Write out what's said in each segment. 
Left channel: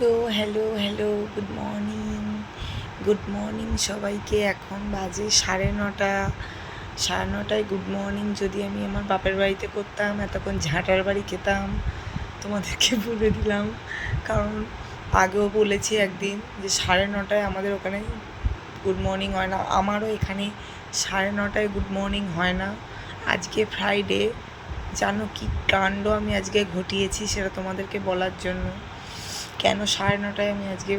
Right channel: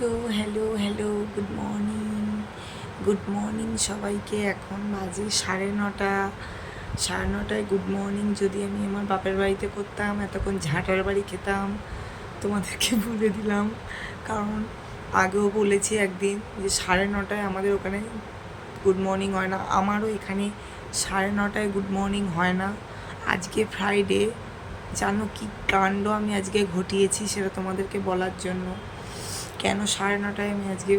Hello hello hello good morning সবাইকে। এখন বাজে 9:30। 9:30টায় গুড মর্নিং যদি আমি আমার বাপের বাড়িতে করতাম এতক্ষণ ঝাঁটার বাড়ি খেতাম। তোমাদেরকে বলে দিলাম, কারণ আগেও বলেছি একদিন যে 9:30টায় আমাদের ওখানে গুড মর্নিং হয় না। আমারও এখানে 9:30টায় গুড মর্নিং হয় না। আজকে ফ্রাইডে, জানো কি কাণ্ড আমি আজকে ঘটিয়েছি সেটা তোমাদেরকে বলার জন্য। কেন 9:30টায় আমি আজকে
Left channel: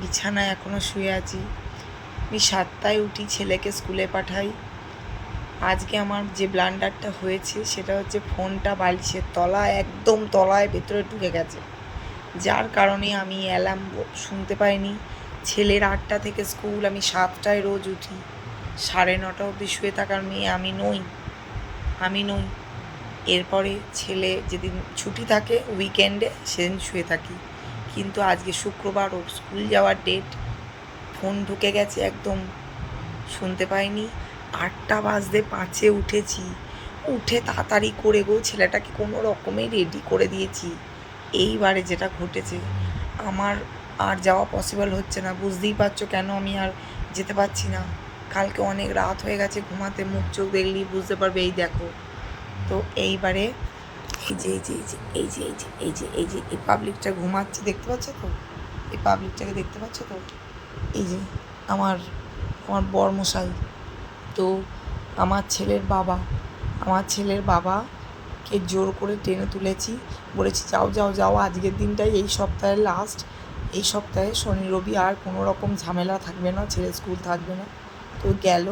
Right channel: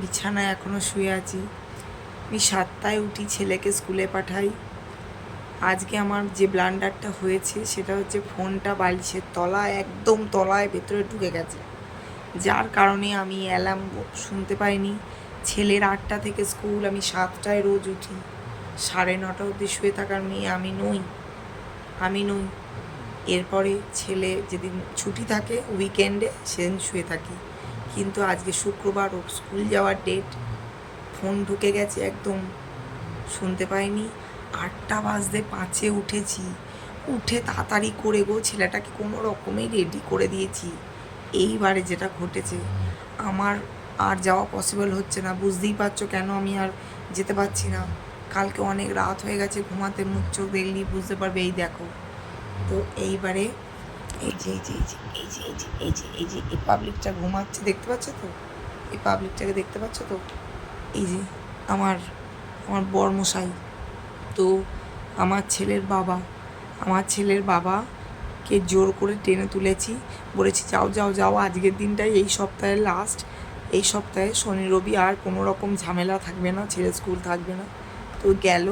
বিছানায় এখনও শুয়ে আছি। আমি 7টায় উঠি, ছেলেকে স্কুলে পাঠাই। আজকে আমার যে ব্লান্ডারটা হয়েছে সেটা হচ্ছে ফোনটা বালিশের তলায়, একদম তলায় ভেতরে ঢুকে গেছে, যার কারণে আমি অ্যালার্ম শুনতে পাইনি। ছেলের 8টা থেকে স্কুল, আমি 7টায় রোজ উঠি। 9:30 অবধি শুয়ে থাকার মেয়ে আমি নই। এরপরে ছেলে যেদিন ছুটি থাকে উইকেন্ডে সেদিন শুয়ে থাকি, কিন্তু আজকে শুক্রবার, ওর স্কুল যাওয়ার ডেট। ফোন ঢুকে গেছে, একদম শুনতে পাইনি। 8টা বাজতে 5-এ উঠেছি, উঠে তাড়াতাড়ি করে ছেলেটাকে কোনো রকমে রেডি করে দিয়েছি। এইবারে যেটা ঘটেছে, আমার আর যাওয়া পসিবল হচ্ছে না। বুঝতেই পারছো কেন আমি আর যেতে পারছি না। কালকে অনেক রাত হয়ে গেছে ঘুমাতে, মুখ চোখ দেখলেই বুঝতে পারবে। এই দেখো, তো এইবারে এই পাবলিকটা ঘুমাচ্ছে, দেখতে পাচ্ছ তো? এই পাবলিকটাকে দেখতে পাচ্ছ তো? এই যে আমার আমার বরমশাই। তো আমার ছেলের বাবাকে জোর করে টেনে তুলেছি, বলেছি যাও যাও যাও, আজকের দিনটাই এই সপ্তাহের লাস্ট। এই সপ্তাহে শনি রবি আর কোনো রকম ঝামেলা থাকবে না, ছেলে স্কুল থাকবে না। তো গেল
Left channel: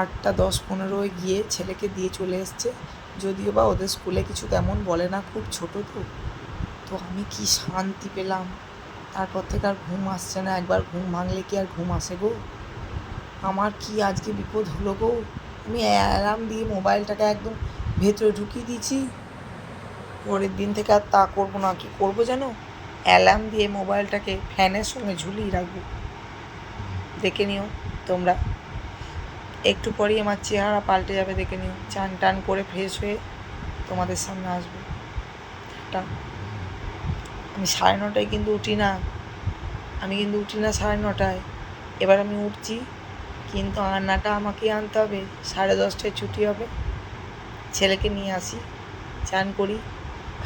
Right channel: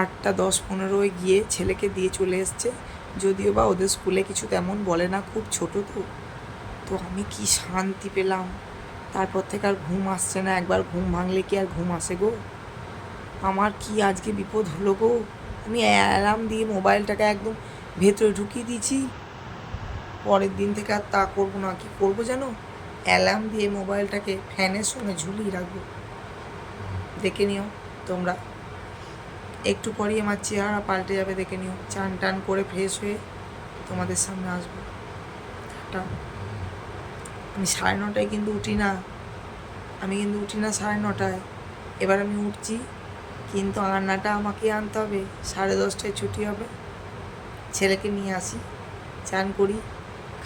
8টা 10-15 গিয়ে ছেলেকে দিয়ে চলে এসছে। যদিও বা ওদের স্কুলে কিছু তেমন বলে না, খুব ছোটো তো। তো আমি কি শান্তি পেলাম। তারপর থেকে আর ঘুম আসছে না। একবার ঘুম ভাঙলে কি আর ঘুম আসে গো? আমার কি আজকে বিপদ হলো গো। আমি অ্যালার্ম দিয়ে মোবাইলটাকে একদম ভেতরে ঢুকিয়ে দিয়েছি। পরের দিন থেকে আর তা করবো না। কি করবো জানো? অ্যালার্ম দিয়ে মোবাইলটাকে ফ্যানের সঙ্গে ঝুলিয়ে রাখবো। দেখে নিও তোমরা, একটু পরেই আমার চেহারা পাল্টে যাবে, দেখে নিও। চান টান করে ফ্রেশ হয়ে তোমাদের সামনে আসবো। টা আমি 9:30টায় কিন্তু উঠি না। 9:30টায়। এবার আমি উঠছি, কিন্তু আনাটা আমাকে আনতে হবে। 10:30টায় ছুটি হবে, ছেলেকে নিয়ে আসি, চান করি,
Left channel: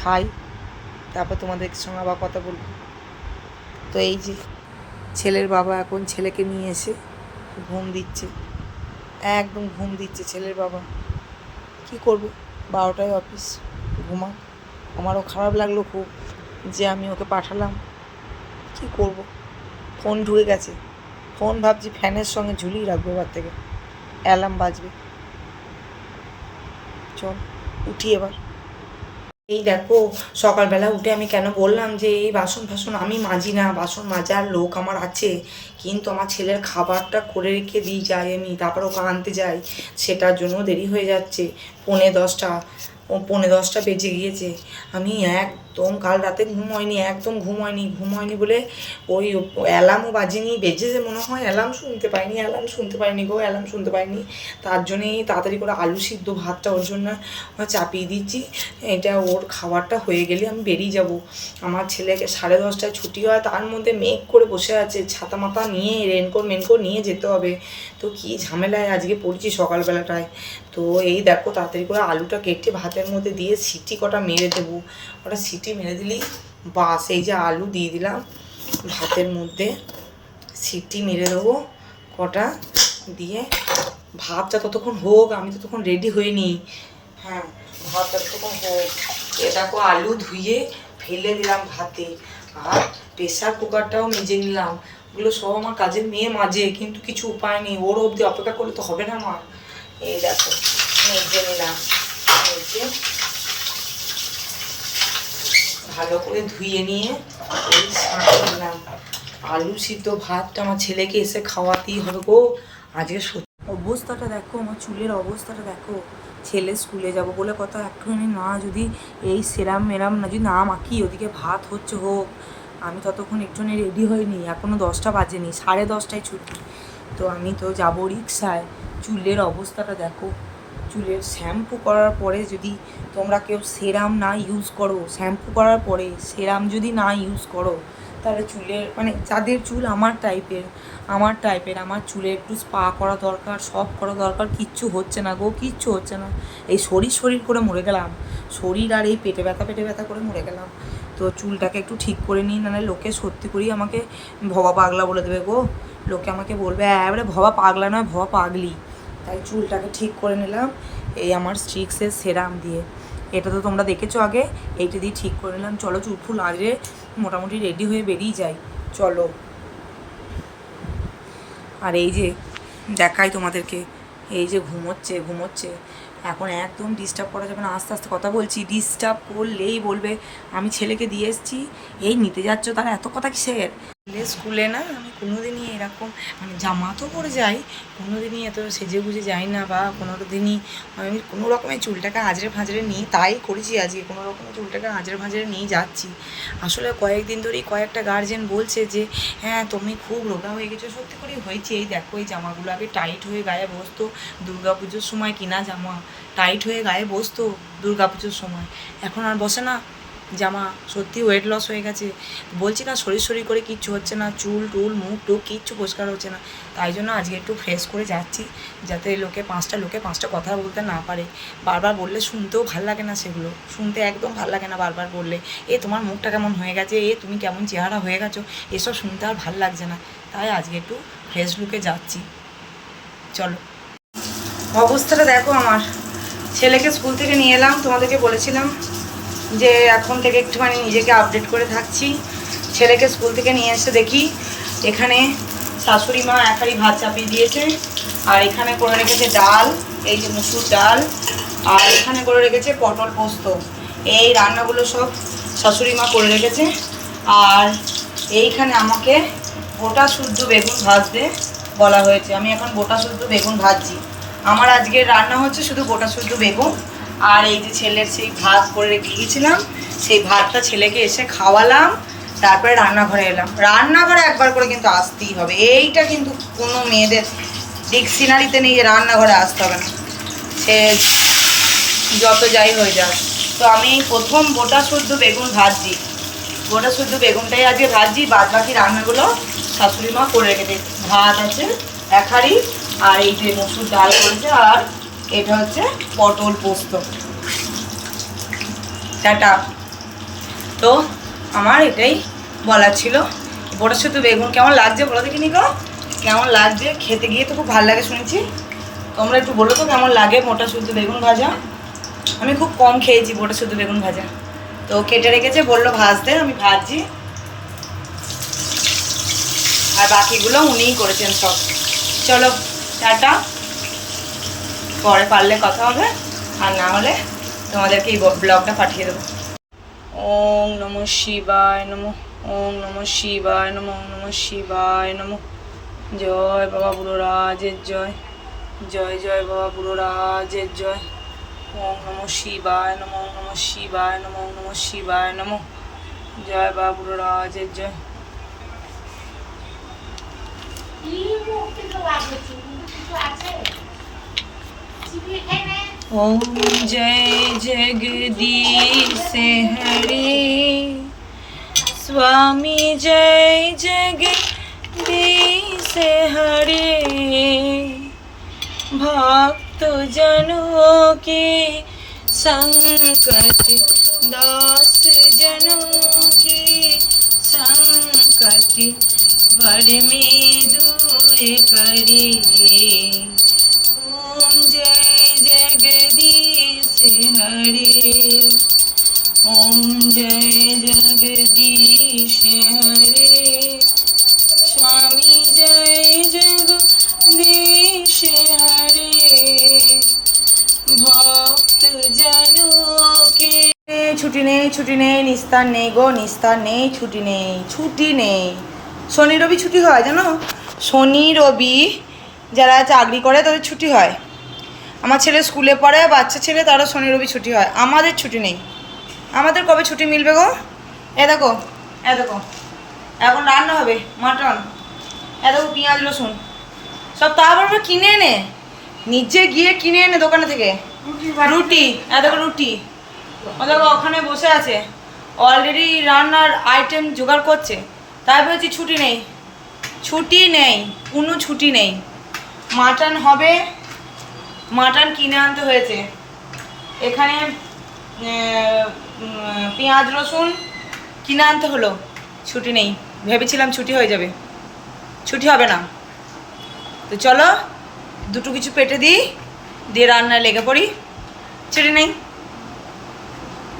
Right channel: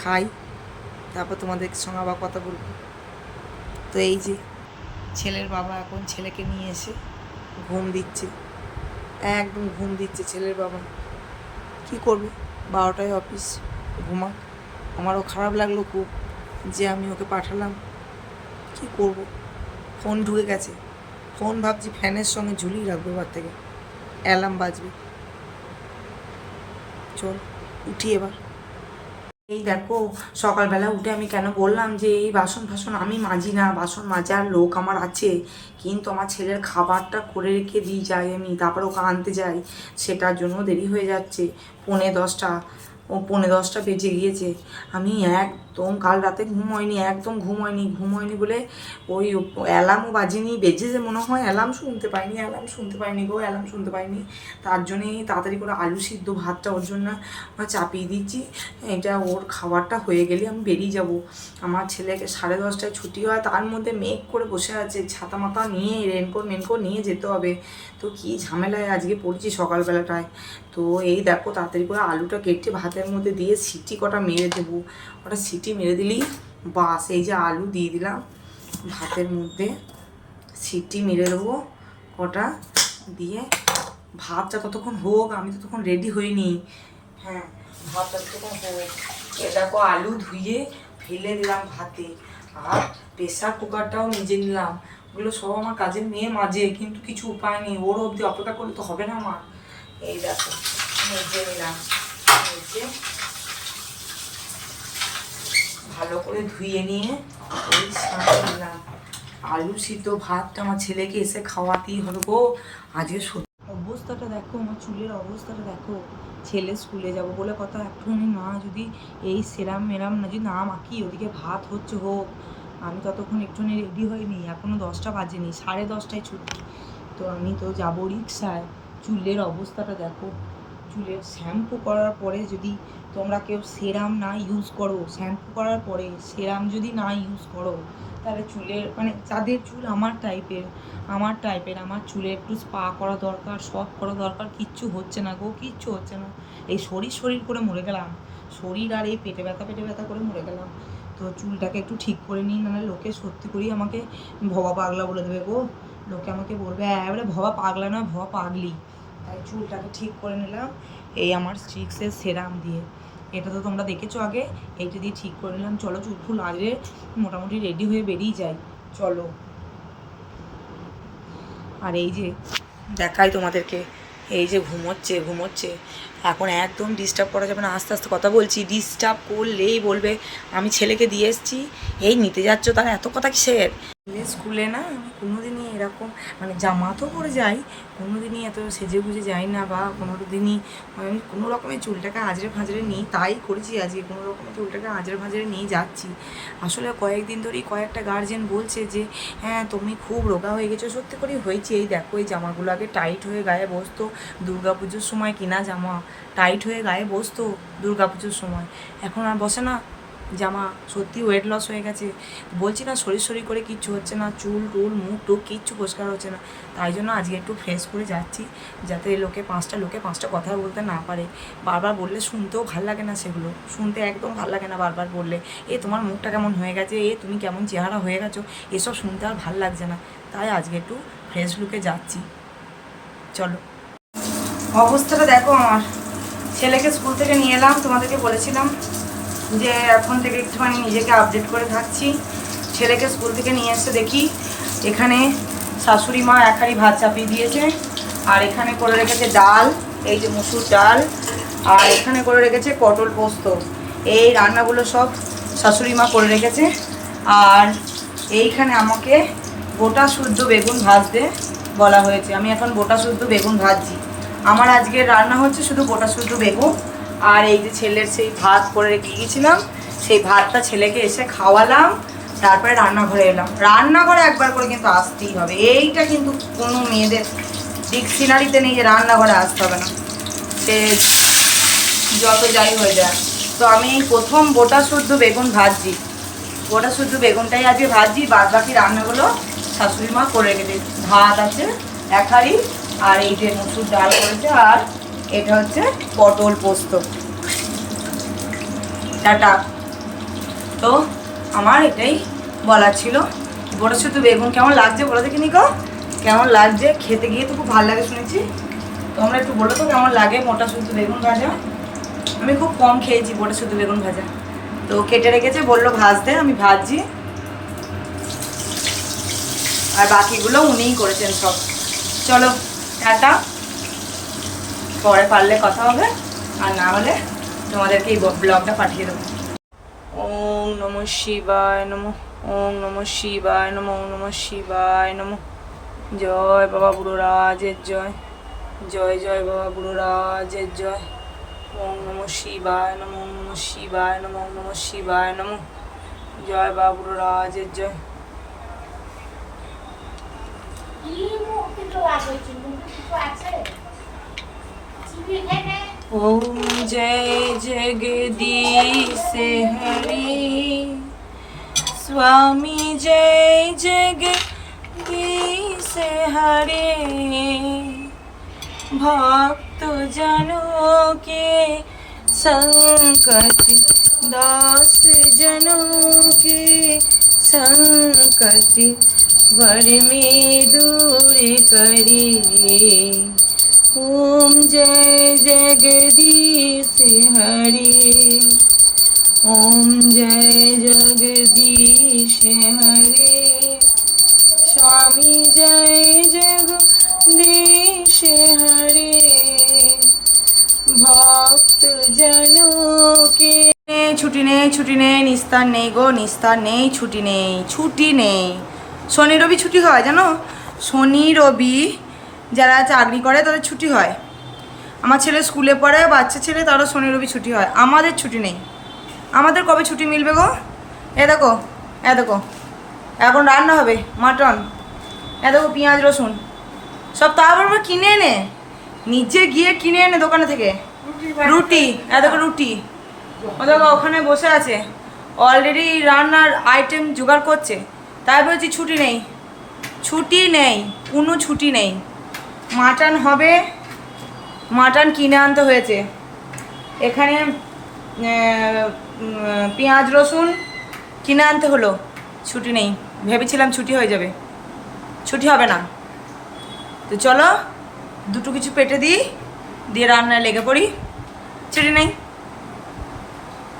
খাই, তারপর তোমাদের সঙ্গে আবার কথা বলবো। তো এই যে ছেলের বাবা এখন ছেলেকে নিয়ে এসে ঘুম দিচ্ছে, একদম ঘুম দিচ্ছে ছেলের বাবা। কি করবে, 12টায় অফিস, ঘুমাক। আমারও খারাপ লাগলো খুব যে আমি ওকে পাঠালাম। কি করব, ফোন ঢুকে গেছে। ফোন ভাবছি ফ্যানের সঙ্গে ঝুলিয়ে রাখবো, এবার থেকে অ্যালার্ম বাজবে। চল উঠি এবার। এই দেখো, সকালবেলা উঠে আমি কেন বললাম যে এই বাসন ফাসন আমি মাজি না, বাসন মাজার লোক আমার আছে, কিন্তু আমার ছেলের খাবারটা করে রেখে দিয়ে যাই আমি, তারপর ওকে আনতে যাই। সেটার জন্য দেরি হয়ে যাচ্ছে। 9:45, 9:45 বেজে গিয়েছে। আমি একদম কাল রাতে একদম ঘুম হয়নি বলে ওই অ্যালার্মও বাজেনি। বেজেছে মনে হয়, অ্যালার্ম শুনতে পাইনি গো, অ্যালার্ম শুনতে পাইনি। তার জন্যেই তাড়াতাড়ি করে আলু সিদ্ধ ভাতটা ওর জন্য চাপিয়ে দিচ্ছি। এটা ওর খাবারটা হয়ে গেলে আমি বেরিয়ে যাব। আমার ছেলেকে 10:30টায় ছুটি হয়, তার মধ্যে মেঘ করে বসে আছে, ছাতা মাতা নিয়ে রেনকোট নিয়ে যেতে হবে। তো কী ঝামেলায় আজকে পড়েছি সকালবেলাটায়। তো এই দেখো, তাড়াতাড়ি করে আলুটা কেটে ভাতের মধ্যে দিয়ে সিটি কটা মেরে দেবো। ওটা সিটি মেরে দিলেই বাস। এই যে আলু দিয়ে দিলাম ভাতের মধ্যে, সিটি মেরে দেবো কটা, দিয়ে ভাতটা ততক্ষণ হোক, আমি ততক্ষণ রেডি হয়ে নিই। হ্যাঁ, ভাতটা ততক্ষণ হোক। এ দেখো, আলু ধুয়ে ফেলে দিলাম ভাতে, আর প্রেশার কুকারটাও মেজে নিলাম। ওগুলো সব আমার কাজের মেয়ে মাজে, কিন্তু কিছু উপায় নেই, ওর অবধি অপেক্ষা করলে তো হবে না আমার। এই দেখো, মেজে নিলাম, মেজে ভালো করে ধুয়ে নিয়ে এই ছাঁকে দিলাম। আলু সিদ্ধ ভাতটা আমার ছেলেকে এসে খাওয়াতেই হবে গো। আজকে অবস্থাটা দেখো, আমার চুলের অবস্থাটা দেখো। ছেলে স্কুলে যাব বলে কথা, একটুখানি না যদি এই সেরাম মেরাম না যদি না মাখি, ওদিকে ভাত হচ্ছে হোক, আমি ততক্ষণ একটুখানি রেডি হয়নি। এখনও 10টা বাজেনি, 10:30টায় ছুটি। তো আমি তো যাবো রিক্সায়। চুলের অবস্থাটা দেখো, চুলের শ্যাম্পু করার পরে যদি তোমরা কেউ সেরাম না ইউজ করো, শ্যাম্পু করার পরে সেরাম যদি না ইউজ করো, তাহলে চুলের মানে যাদের চুল আমার টাইপের আমার চুলে একটু স্পা করা দরকার, সব করা দরকার, কিচ্ছু হচ্ছে না গো, কিচ্ছু হচ্ছে না। এই শরীর করে মরে গেলাম, শরীর আর এই পেটে ব্যথা করে মরে গেলাম। তো চুলটাকে একটু ঠিক করে নিই, নাহলে লোকে সত্যি করেই আমাকে ভবা পাগলা বলে দেবে গো। লোকে আমাকে বলবে এবারে ভবা পাগলা নয়, ভবা পাগলি। তাই চুলটাকে ঠিক করে নিলাম এই আমার স্ট্রিক্সের সেরাম দিয়ে। এটা তো তোমরা দেখেছো আগে, এইটা দিয়ে ঠিক করে নিলাম। চলো চুল ফুল আজরে মোটামুটি রেডি হয়ে বেরিয়ে যাই, চলো। আর এই যে দেখাই তোমাদেরকে, এই যে ঘুমোচ্ছে এখন একদম ডিস্টার্ব করা যাবে না, আস্তে আস্তে কথা বলছি, ডিস্টার্ব করলেই বলবে আমি ছেলেকে দিয়ে এসেছি, এই নিতে যাচ্ছ, তার এত কথা কিসের। স্কুলে না আমি কোনোদিনই এরকম মানে জামা তো পরে যাই, কোনোদিনই এত সেজে গুজে যাই না, বা কোনো দিনই আমি কোনো রকমের চুলটাকে আজরে ফাঁজরে নিই, তাই করেছি আজকে, কোনো রকমের চুলটাকে আজরে ফাঁজরে নিয়ে যাচ্ছি। আসলে কয়েকদিন ধরেই কয়েকটা গার্জেন বলছে যে হ্যাঁ তুমি খুব রোগা হয়ে গেছো, সত্যি করেই হয়েছে। এই দেখো এই জামাগুলো আগে টাইট হয়ে গায়ে বসতো, দুর্গা পুজোর সময় কিনা জামা টাইট হয়ে গায়ে বসতো দুর্গা পুজোর সময়, এখন আর বসে না জামা। সত্যি ওয়েট লস হয়ে গেছে, বলছি না শরীর করে কিচ্ছু হচ্ছে না, চুল টুল মুখ টুক কিচ্ছু পরিষ্কার হচ্ছে না। তাই জন্য আজকে একটু ফ্রেশ করে যাচ্ছি, যাতে লোকে পাঁচটা কথা বলতে না পারে। বারবার বললে শুনতেও ভাল লাগে না, সেগুলো শুনতে একদম ভাল লাগে না। বারবার বললে এ তোমার মুখটা কেমন হয়ে গেছে, এ তুমি কেমন চেহারা হয়ে গেছো, এসব শুনতে আর ভাল লাগছে না। তাই আজকে একটু ফ্রেশ লুকে যাচ্ছি, চলো। অবস্থাটা দেখো আমার, ছেলেকে স্কুল থেকে নিয়ে এলাম, তোমাদেরকে বলেছিলাম যে এখন থেকে একটুখানি নিজেকে আপডেট করে থাকছি। ছেলেকে স্কুল থেকে নিয়ে এসে দেখি এখানে শাশুড়ি মা এক হাঁড়ি ভাত চাপিয়ে দিয়েছে, আর এখানে করে রেখেছে ডাল, এই যে মুসুর ডাল, আর এখানে করে রেখেছে পটল পোস্ত। এই রান্নাগুলো সব শাশুড়ি মা করে রেখেছে। আর এইখানে আমাকে গোটা শুদ্ধ বেগুন ভাজতে বলা হয়েছে, আমি এখন গোটা শুদ্ধ বেগুন ভাজছি। আমার আজকের রান্না হচ্ছে শুধু গোটা শুদ্ধ বেগুন। আর এই যে ছেলের সেই ভাত করে রেখে গিয়েছিলাম, সেই ভাতটা ছেলেকে এসে খাওয়ালাম, তারপরে রান্নাঘরে এলাম। রান্নাঘরে একবার করে কিন্তু আসতেই হবে, এইটা কিন্তু কোনো মেয়েদের ডিকশনারিতে নেই যে রান্নাঘরে আসতে হবে না, সে যত যাই হয়ে যায়। তো আমি প্রথম গোটা শুদ্ধ বেগুন ভাজছি, গোটা শুদ্ধ বেগুনটাই আজকে ভাজছি, বাদ বাকি রান্নাগুলো শাশুড়ি মা করে রেখেছে। ভাত আছে এক হাঁড়ি, আর এই যে মসুর ডাল করেছে, আর এটা হচ্ছে পটল পোস্ত। টাটা। তো আমার এটাই বলার ছিল। গোটা শুদ্ধ বেগুন কেমন লাগছে বলো দেখিনি গো, কেমন লাগছে খেতে? গিয়ে তো খুব ভালো লাগে শুনেছি, তোমরা একটু বলো তো কেমন লাগে মোটা শুদ্ধ বেগুন ভাজা। আমি খুব কম খেয়েছি গোটা শুদ্ধ বেগুন ভাজা। তো কেটে রেখেছে, বললো ভাজতে, আমি ভাজছি। আর বাকিগুলো উনিই করেছেন সব। চলো টাটা, পরে পারলে কথা হবে, আর না হলে তোমাদেরকে এই ব্লগটা পাঠিয়ে দেবো। ওম নমঃ শিবায় নমঃ, ওম নমঃ শিবায় নমঃ, ওম নমঃ শিবায় নমঃ। জয় বাবা বুড়ো রাজের জয়, জয় জয় বাবা বুড়ো রাজের জয়। ওম নমঃ শিবায় নমঃ, ওম নমঃ শিবায় নমঃ, ওম নমঃ শিবায় নমঃ। জয় বাবা বুড়ো রাজের জয়। ओम जय जगदीश हरे, स्वामी जय जगदीश हरे। भक्त जनों के संकट, दास जनों के संकट, वर में दूर करे। ओम जय जगदीश हरे, ओम जय जगदीश हरे। स्वामी जय जगदीश हरे। भक्त जनों के ছুটি নেই, নিস্তার নেই গো, নিস্তার নেই, ছুটি নেই। শনি রবি ছুটি হয় জানো, শনি রবি যারা চাকরি করে তাদের ছুটি হয়। আমার ছেলে স্কুলে পড়ে, বাচ্চা ছেলে, তারও শনি রবি ছুটি হয়, আমাদের ছুটি নেই। আমাদের কবে ছুটি মিলবে গো? এ দেখো এখন রান্না হবে মাটন, এ দেখো পেঁয়াজ রসুন সব, তারপর কিনে এনে নিজে গিয়ে কিনে এনে দোকানে থেকে রুটি দেখো রুটি দেখো ওখানে বসে আছে অলরেডি রান্নার আইটেম জোগাড় করছে। তাই বলছি ছুটি নেই, ছুটি নেই, কোনো ছুটি নেই। মাটন হবে, মাটন কিনে আনতে হয়েছে। এখানে পেঁয়াজ রসুন কিনে আনতে হলো, ছুটি নেই। ভেবেছিলাম ছুটি হয়ে যাবে, ছুটি হবে না। তো চলো দুটো কিছু পেটে দিই, দিয়ে রান্নায় লেগে পড়ি। ছুটি নেই,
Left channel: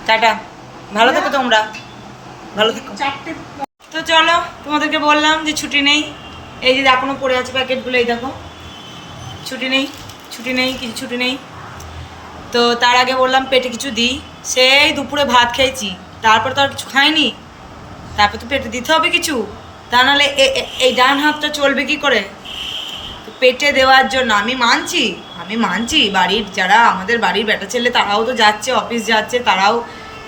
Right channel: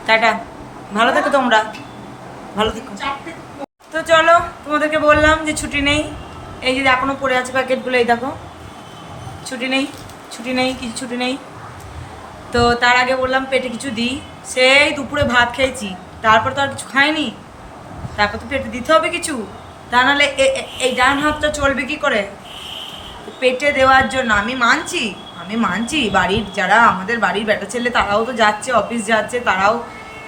টাটা, ভালো থেকো তোমরা, ভালো থেকো। তো চলো তোমাদেরকে বললাম যে ছুটি নেই, এই যে এখনো পড়ে আছে প্যাকেটগুলো, এই দেখো ছুটি নেই, ছুটি নেই, কিছু ছুটি নেই। তো তার আগে বললাম পেটে কিছু দিই, সেই দুপুরে ভাত খেয়েছি, তারপর তো আর কিছু খাইনি, তারপর তো পেটে দিতে হবে কিছু, তা নাহলে এই ডান হাতটা চলবে কি করে? তো পেটে দেওয়ার জন্য আমি মানছি বাড়ির যারা আমাদের বাড়ির বেটা ছেলে তারাও তো যাচ্ছে, অফিস যাচ্ছে, তারাও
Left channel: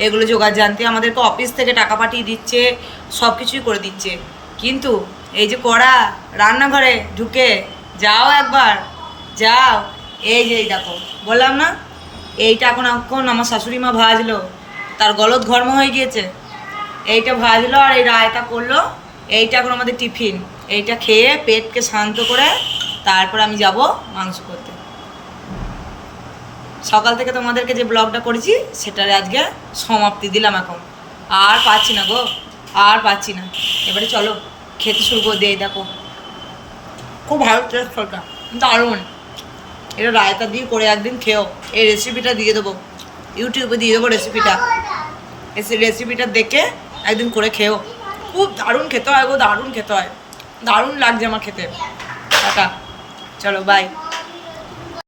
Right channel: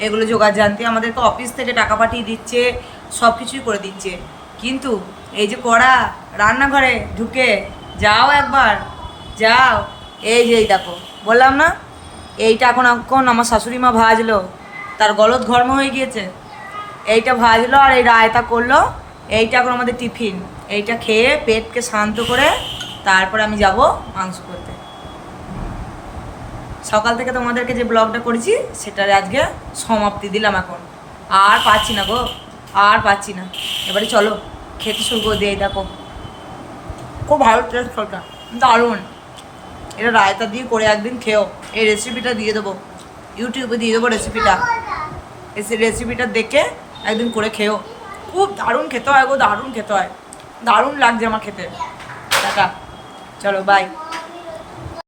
এগুলো জোগাড় জানতে আমাদেরকে অফিস থেকে টাকা পাঠিয়ে দিচ্ছে, সব কিছুই করে দিচ্ছে। কিন্তু এই যে কড়া রান্নাঘরে ঢুকে যাও একবার, যাও, এই যে এই দেখো বললাম না, এইটা এখন আমার শাশুড়ি মা ভাজলো, তার গলদ ঘর্ম হয়ে গিয়েছে, এইটা ভাজলো আর এই রায়তা করলো, এইটা এখন আমাদের টিফিন। এইটা খেয়ে পেটকে শান্ত করে তারপর আমি যাব মাংস করতে। সকাল থেকে তোমাদেরকে যে ব্লগটা করেছি সেটার আজকে সমাপ্তি দিলাম। এখন আর পাচ্ছি না গো, আর পাচ্ছি না। এবারে চলো খেতে শুরু করে দিয়ে, দেখো খুব ভালো টেস্ট, ফলটা দারুণ। এটা রায়তা দিয়ে করে একদিন খেও, এই রেসিপিটা দিয়ে দেবো, ইউটিউবে দিয়ে দেবো রেসিপিটা, রেসিপিটা দেখে একদিন করে খেও, খুব দারুণ খেতে হয় গো, দারুণ খেতে হয়, দারুণ লাগছে আমার খেতে। টাটা, চলো বাই।